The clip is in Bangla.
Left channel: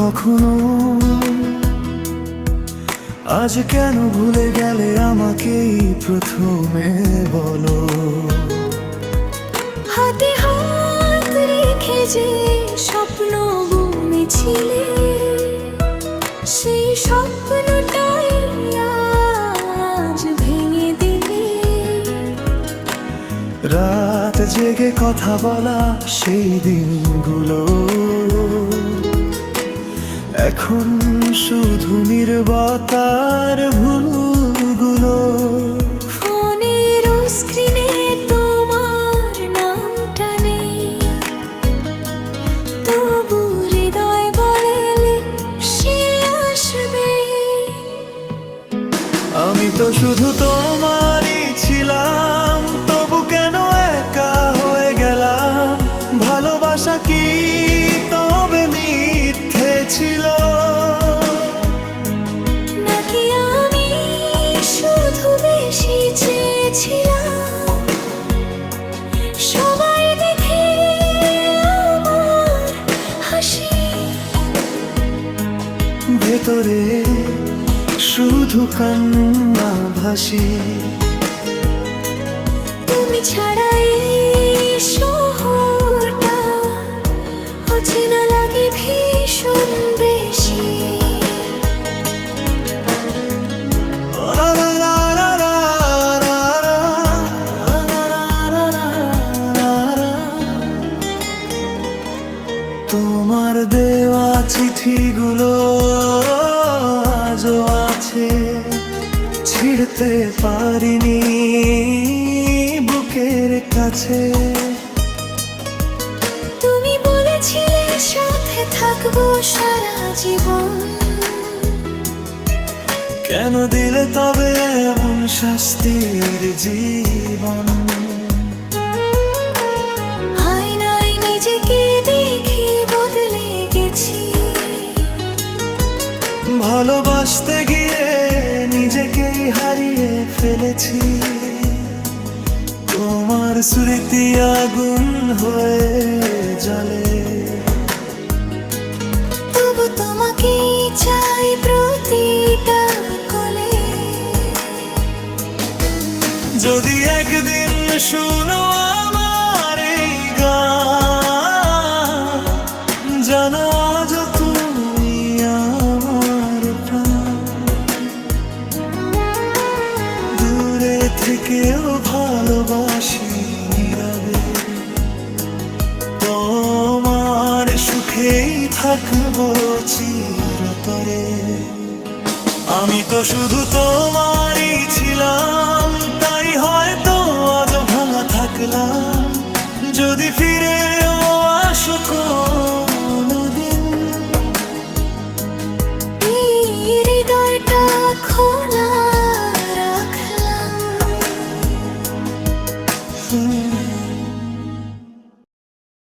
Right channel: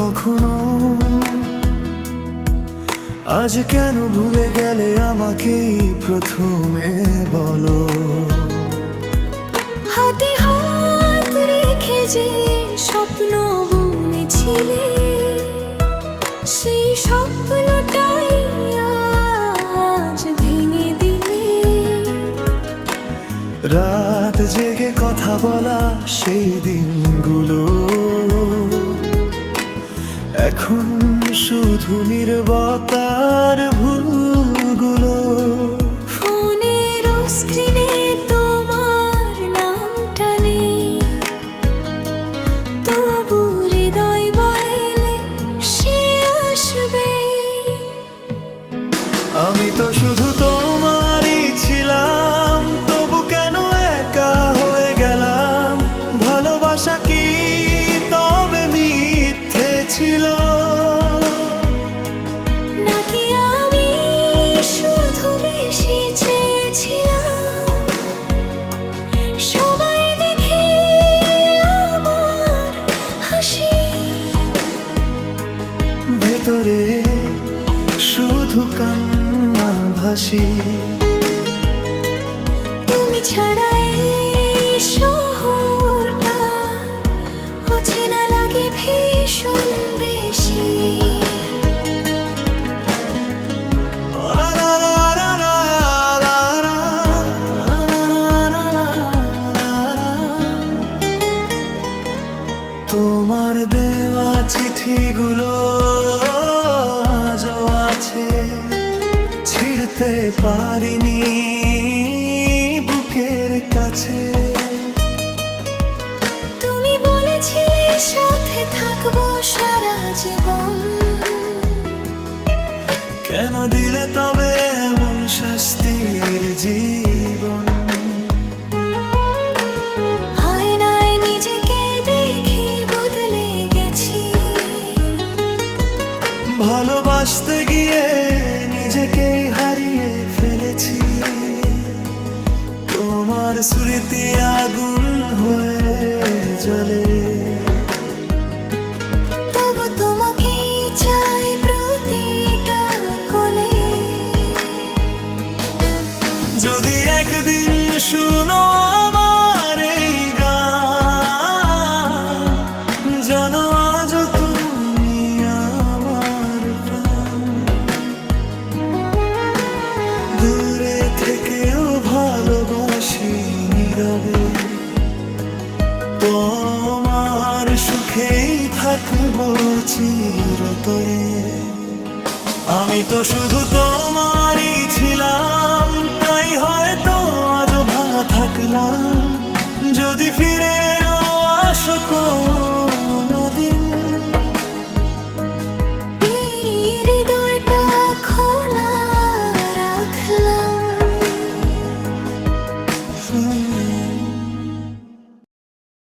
কখনো? আজ কেন ভুলে গেলে আমাকেই প্রথমে বলো? হাতে হাত রেখে যে স্বপ্ন বুনেছিলে, সেই স্বপ্নটাই আজ ভেঙে দিলে। রাত জেগে কথা বলা সেই দিনগুলো এখন শুধু নীরবতার ভুলগুলো। ফোনের স্ক্রিনে তোমার নামটা নেই, তবু হৃদয় বলে সে আসবে। আমি তো শুধু তোমারই ছিলাম, তবু কেন একা হয়ে গেলাম? ভালোবাসা কি তবে মিথ্যে ছিল? নাকি আমি শুধু বেশি চেয়েছিলাম সবাই দেখে আমার হাসি? ভেতরে শুধু কান্না ভাসি। তুমি ছাড়া এই শহরটা অচেনা লাগে ভীষণ বেশি। তোমার দেওয়া চিঠিগুলো আজও আছে, ছিড়তে পারিনি বুকের কাছে। তুমি বলেছিলে সাথে থাকবো সারা জীবন, কেন দিলে তবে এমন শাস্তির জীবন? আয়নায় নিজেকে দেখি বদলে গেছি, ভালোবাসতে গিয়ে নিজেকেই হারিয়ে ফেলেছি। তোমার স্মৃতি আগুন হয়ে জ্বলে, তবু তোমাকেই চাই প্রতিটা কোলে। যদি একদিন শুনো আমার এই গান, জানো আজও তুমি আমার প্রাণ। দূরে থেকেও ভালোবাসি নীরবে, তোমার সুখেই থাকবো চিরতরে। আমি তো শুধু তোমারই ছিলাম, তাই হয়তো আজও ভাঙা থাকলাম। যদি ফিরেও আসো